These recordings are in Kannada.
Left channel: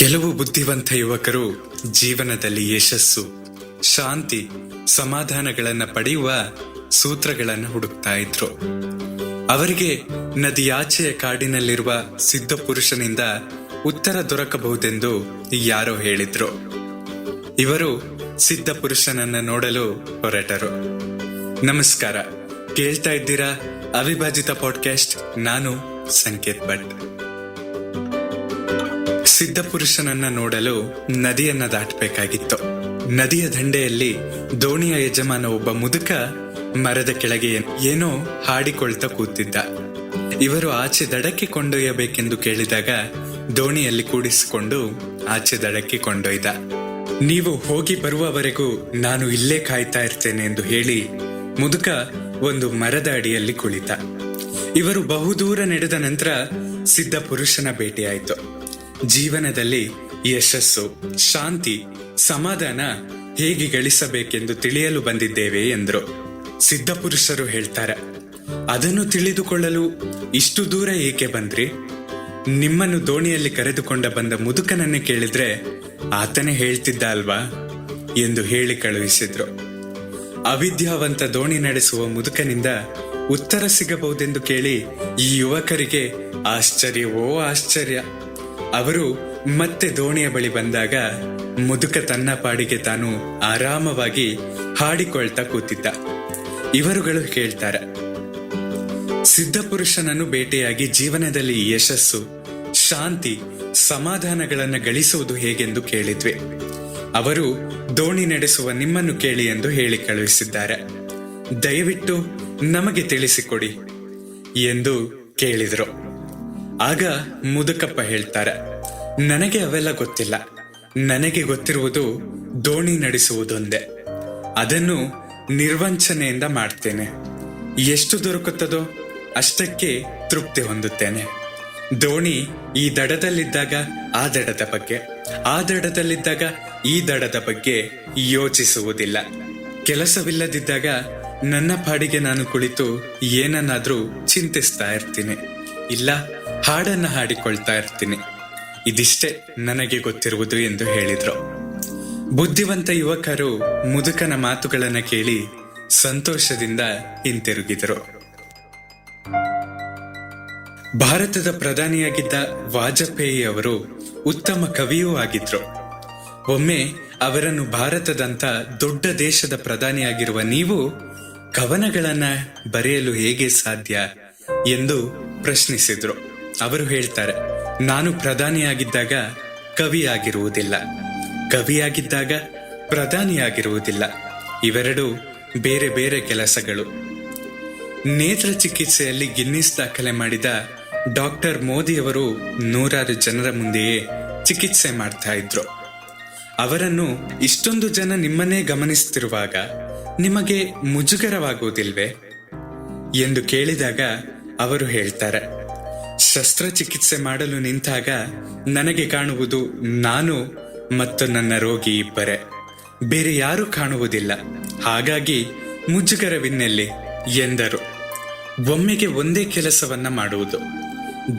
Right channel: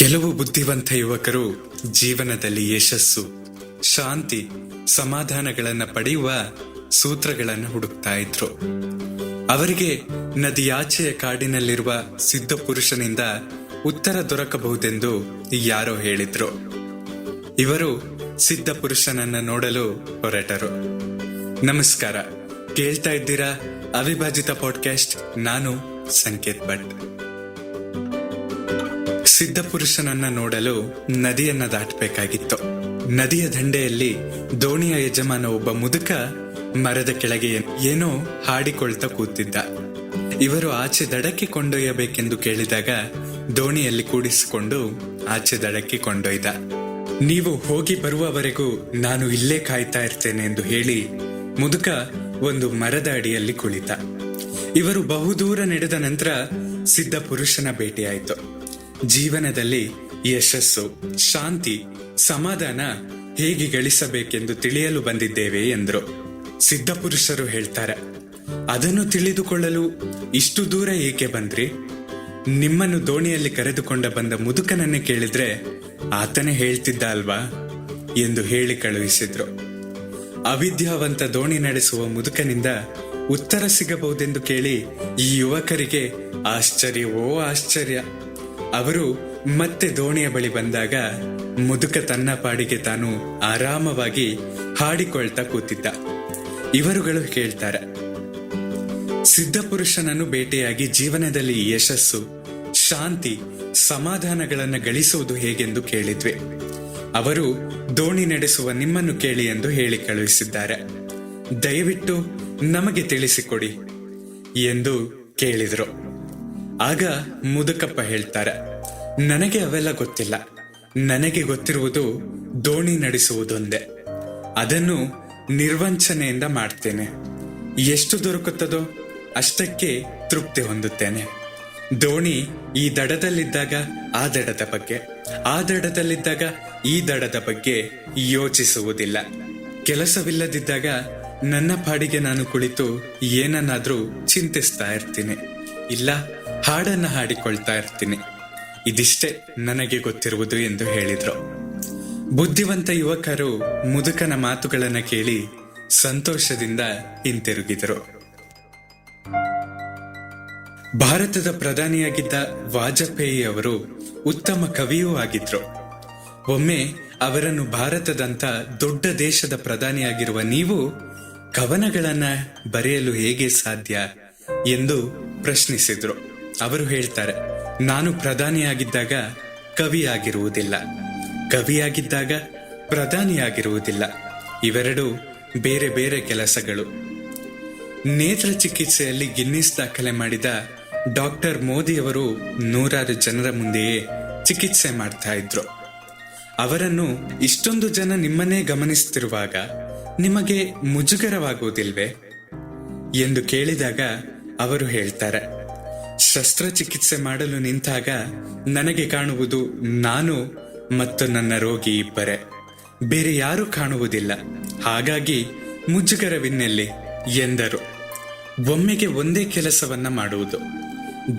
ಕೆಲವು ಬುದ್ಧಿವಂತ ಯುವಕರು ಜೀವನದಲ್ಲಿ ಯಶಸ್ಸು, ಶಾಂತಿ, ಸಮಾಧಾನಗಳನ್ನು ಪಡೆಯುವ ಸೂತ್ರಗಳನ್ನು ಹುಡುಕ್ತಾ ಇದ್ರು. ಅವರಿಗೆ ನದಿಯಾಚೆಯ ಕಾಡಿನಲ್ಲಿರುವ ಸಿದ್ಧ ಪುರುಷನಿಂದ ಉತ್ತರ ದೊರಕಬಹುದೆಂದು ಯಾರೋ ಹೇಳಿದ್ರು. ಇವರು ಸಿದ್ಧ ಪುರುಷನನ್ನ ನೋಡಲು ಹೊರಟರು. ನಮಸ್ಕಾರ, ಕೇಳ್ತಾ ಇದ್ದೀರಾ ಅವಿಭಾಜಿತ ಪಾಡ್ಕಾಸ್ಟ್. ನಾನು ಸಂಕೇತ್ ಭಟ್. ಸಿದ್ಧ ಪುರುಷನನ್ನ ನೋಡಲು ನದಿಯನ್ನ ದಾಟಬೇಕಾಗಿತ್ತು. ನದಿಯ ದಂಡೆಯಲ್ಲಿ ದೋಣಿಯ ಯಜಮಾನ ಒಬ್ಬ ಮುದುಕ ಮರದ ಕೆಳಗೆ ಏನೋ ಹಾಡಿಕೊಳ್ತಾ ಕೂತಿದ್ದ. ಇವರು ಆಚೆ ದಡಕ್ಕೆ ಕೊಂಡೊಯ್ಯಬೇಕೆಂದು ಕೇಳಿದಾಗ ದೋಣಿಯಲ್ಲಿ ಕೂಡಿಸಿಕೊಂಡು ಆಚೆ ದಡಕ್ಕೆ ಕೊಂಡೊಯ್ದ. ನೀವು ಹೋಗಿ ಬರುವವರೆಗೂ ನಾನು ಇಲ್ಲೇ ಕಾಯ್ತಾ ಇರ್ತೇನೆ ಎಂದು ಹೇಳಿ ಮುದುಕ ಒಂದು ಮರದ ಅಡಿಯಲ್ಲಿ ಕುಳಿತ. ಇವರು ಬಹುದೂರ ನಡೆದ ನಂತರ ಸಿದ್ಧ ಪುರುಷನ ಭೇಟಿಯಾಯಿತು. ಜೀವನದಲ್ಲಿ ಯಶಸ್ಸು, ಶಾಂತಿ, ಸಮಾಧಾನ ಹೇಗೆ ಗಳಿಸಬೇಕೆಂದು ತಿಳಿಯಲು ಬಂದಿದ್ದೇವೆ ಎಂದರು. ಸಿದ್ಧ ಪುರುಷರು ಹೇಳ್ತಾರೆ, ಅದನ್ನು ತಿಳಿದುಕೊಳ್ಳಲು ಇಷ್ಟು ದೂರ ಏಕೆ ಬಂದ್ರಿ? ನಿಮ್ಮನ್ನು ದೋಣಿಯಲ್ಲಿ ಕರೆದುಕೊಂಡ ಬಂದ ಮುದುಕನನ್ನೇ ಕೇಳಿದ್ರೆ ಆತನೇ ಹೇಳ್ತಿದ್ದ ಅಲ್ವಾ ಎಂದು ಹೇಳಿ ಕಳುಹಿಸಿದ್ರು. ಅವಿದ್ಯಾವಂತ ದೋಣಿ ನಡೆಸುವ ಮುದುಕನಿಂದ ಉತ್ತರ ಸಿಗಬಹುದೆಂದು ಕೇಳಿ ಈ ಯುವಕರಿಗೆ ಆಶ್ಚರ್ಯವೋ ಆಶ್ಚರ್ಯ. ಅವರು ಮತ್ತೆ ದೋಣಿಯ ಬಳಿ ಬಂದಾಗ ಮುದುಕ ತನ್ನ ಪಾಡಿಗೆ ತಾನು ಆರಾಮವಾಗಿ ಹಾಡಿಕೊಳ್ತಾ ಕೂತಿದ್ದ. ಇವರುಗಳು ಕೇಳ್ತಾರೆ, ಸಿದ್ಧ ಪುರುಷನನ್ನು ಭೇಟಿಯಾಗಿ ಜೀವನದಲ್ಲಿ ಯಶಸ್ಸು, ಶಾಂತಿ, ಸಮಾಧಾನಗಳನ್ನು ಗಳಿಸುವುದು ಹೇಗೆಂದು ಕೇಳಿದ್ವಿ. ಅವರು ದೋಣಿ ನಡೆಸುವ ನಿಮ್ಮನ್ನು ಕೇಳಿ ಎಂದು ಹೇಳಿ ಕಳುಹಿಸಿದ್ದಾರೆ. ದಯವಿಟ್ಟು ನಮಗೆ ತಿಳಿಸಿಕೊಡಿ ಎಂದು ಕೇಳಿದ್ರು. ಆಗ ಮುದುಕಪ್ಪ ಹೇಳ್ತಾರೆ, ನನಗೆ ಅವೆಲ್ಲ ಗೊತ್ತಿಲ್ಲ. ನನಗೆ ಗೊತ್ತಿರುವುದು ದೋಣಿ ನಡೆಸುವುದೊಂದೇ. ಅದನ್ನು ನಿರ್ವಂಚನೆಯಿಂದ ಮಾಡ್ತೇನೆ. ಎಷ್ಟು ದೊರಕುತ್ತದೋ ಅಷ್ಟಕ್ಕೆ ತೃಪ್ತಿ ಹೊಂದುತ್ತೇನೆ. ದೋಣಿ ಈ ದಡದಲ್ಲಿದ್ದಾಗ ಆ ದಡದ ಬಗ್ಗೆ, ಆ ದಡದಲ್ಲಿದ್ದಾಗ ಈ ದಡದ ಬಗ್ಗೆ ಯೋಚಿಸುವುದಿಲ್ಲ. ಕೆಲಸವಿಲ್ಲದಿದ್ದಾಗ ನನ್ನ ಪಾಡಿಗೆ ನಾನು ಕುಳಿತು ಏನನ್ನಾದ್ರೂ ಚಿಂತಿಸ್ತಾ ಇರ್ತೀನಿ, ಇಲ್ಲ ಹಾಡನ್ನ ಹಾಡಿಕೊಳ್ತಾ ಇರ್ತೀನಿ. ಇದಿಷ್ಟೇ ನನಗೆ ಗೊತ್ತಿರುವುದು ಎಂದು ಹೇಳಿದ್ರು. ಬುದ್ಧಿವಂತ ಯುವಕರು ಮುದುಕನ ಮಾತುಗಳನ್ನ ಕೇಳಿ ಸಂತೋಷದಿಂದ ಹಿಂತಿರುಗಿದರು. ಭಾರತದ ಪ್ರಧಾನಿಯಾಗಿದ್ದ ವಾಜಪೇಯಿ ಅವರು ಉತ್ತಮ ಕವಿಯೂ ಆಗಿದ್ರು. ಒಮ್ಮೆ ಅವರನ್ನು ಭಾರತದಂತ ದೊಡ್ಡ ದೇಶದ ಪ್ರಧಾನಿಯಾಗಿರುವ ನೀವು ಕವನಗಳನ್ನ ಬರೆಯಲು ಹೇಗೆ ಸಾಧ್ಯ ಎಂದು ಪ್ರಶ್ನಿಸಿದ್ರು. ಅವರು ಹೇಳ್ತಾರೆ, ನಾನು ಪ್ರಧಾನಿಯಾಗಿದ್ದಾಗ ಕವಿಯಾಗಿರುವುದಿಲ್ಲ, ಕವಿಯಾಗಿದ್ದಾಗ ಪ್ರಧಾನಿಯಾಗಿರುವುದಿಲ್ಲ. ಇವೆರಡು ಬೇರೆ ಬೇರೆ ಕೆಲಸಗಳು. ನೇತ್ರ ಚಿಕಿತ್ಸೆಯಲ್ಲಿ ಗಿನ್ನಿಸ್ ದಾಖಲೆ ಮಾಡಿದ ಡಾಕ್ಟರ್ ಮೋದಿಯವರು ನೂರಾರು ಜನರ ಮುಂದೆಯೇ ಚಿಕಿತ್ಸೆ ಮಾಡ್ತಾ ಇದ್ರು. ಅವರನ್ನು ಇಷ್ಟೊಂದು ಜನ ನಿಮ್ಮನ್ನೇ ಗಮನಿಸುತ್ತಿರುವಾಗ ನಿಮಗೆ ಮುಜುಗರವಾಗುವುದಿಲ್ವೇ ಎಂದು ಕೇಳಿದಾಗ ಅವರು ಹೇಳ್ತಾರೆ, ಶಸ್ತ್ರಚಿಕಿತ್ಸೆ ಮಾಡಲು ನಿಂತಾಗ ನನಗೆ ಕಾಣುವುದು ನಾನು ಮತ್ತು ನನ್ನ ರೋಗಿ ಇಬ್ಬರೇ, ಬೇರೆ ಯಾರೂ ಕಾಣುವುದಿಲ್ಲ. ಹಾಗಾಗಿ ಮುಜುಗರವಿನ್ನೆಲ್ಲಿ ಎಂದರು. ಒಮ್ಮೆಗೆ ಒಂದೇ ಕೆಲಸವನ್ನ ಮಾಡುವುದು,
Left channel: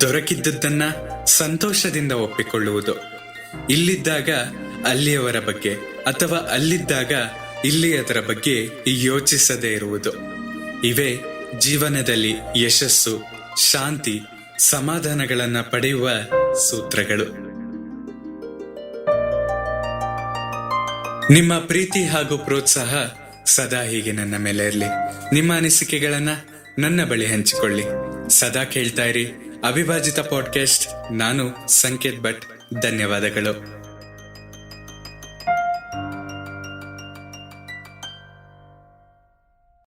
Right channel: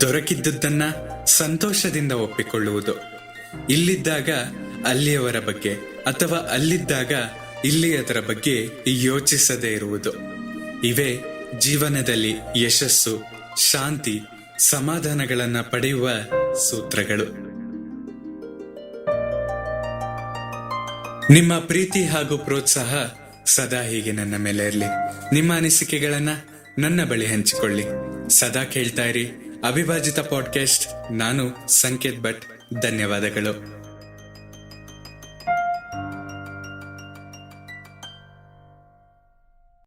ದೊರಕಿದ್ದನ್ನ ಸಂತೋಷದಿಂದ ಒಪ್ಪಿಕೊಳ್ಳುವುದು, ಇಲ್ಲಿದ್ದಾಗ ಅಲ್ಲಿಯವರ ಬಗ್ಗೆ ಅಥವಾ ಅಲ್ಲಿದ್ದಾಗ ಇಲ್ಲಿಯದರ ಬಗ್ಗೆ ಯೋಚಿಸದೇ ಇರುವುದು. ಇವೇ ಜೀವನದಲ್ಲಿ ಯಶಸ್ಸು, ಶಾಂತಿ, ಸಮಾಧಾನಗಳನ್ನ ಪಡೆಯುವ ಸೂತ್ರಗಳು. ನಿಮ್ಮ ಪ್ರೀತಿ ಹಾಗೂ ಪ್ರೋತ್ಸಾಹ ಸದಾ ಹೀಗೆ ನನ್ನ ಮೇಲೆ ಇರಲಿ. ನಿಮ್ಮ ಅನಿಸಿಕೆಗಳನ್ನ ನನ್ನ ಬಳಿ ಹಂಚಿಕೊಳ್ಳಿ. ಸದಾ ಕೇಳ್ತಾ ಇರಿ ಅವಿಭಾಜಿತ ಪಾಡ್ಕಾಸ್ಟ್. ನಾನು ಸಂಕೇತ್ ಭಟ್. ಧನ್ಯವಾದಗಳು.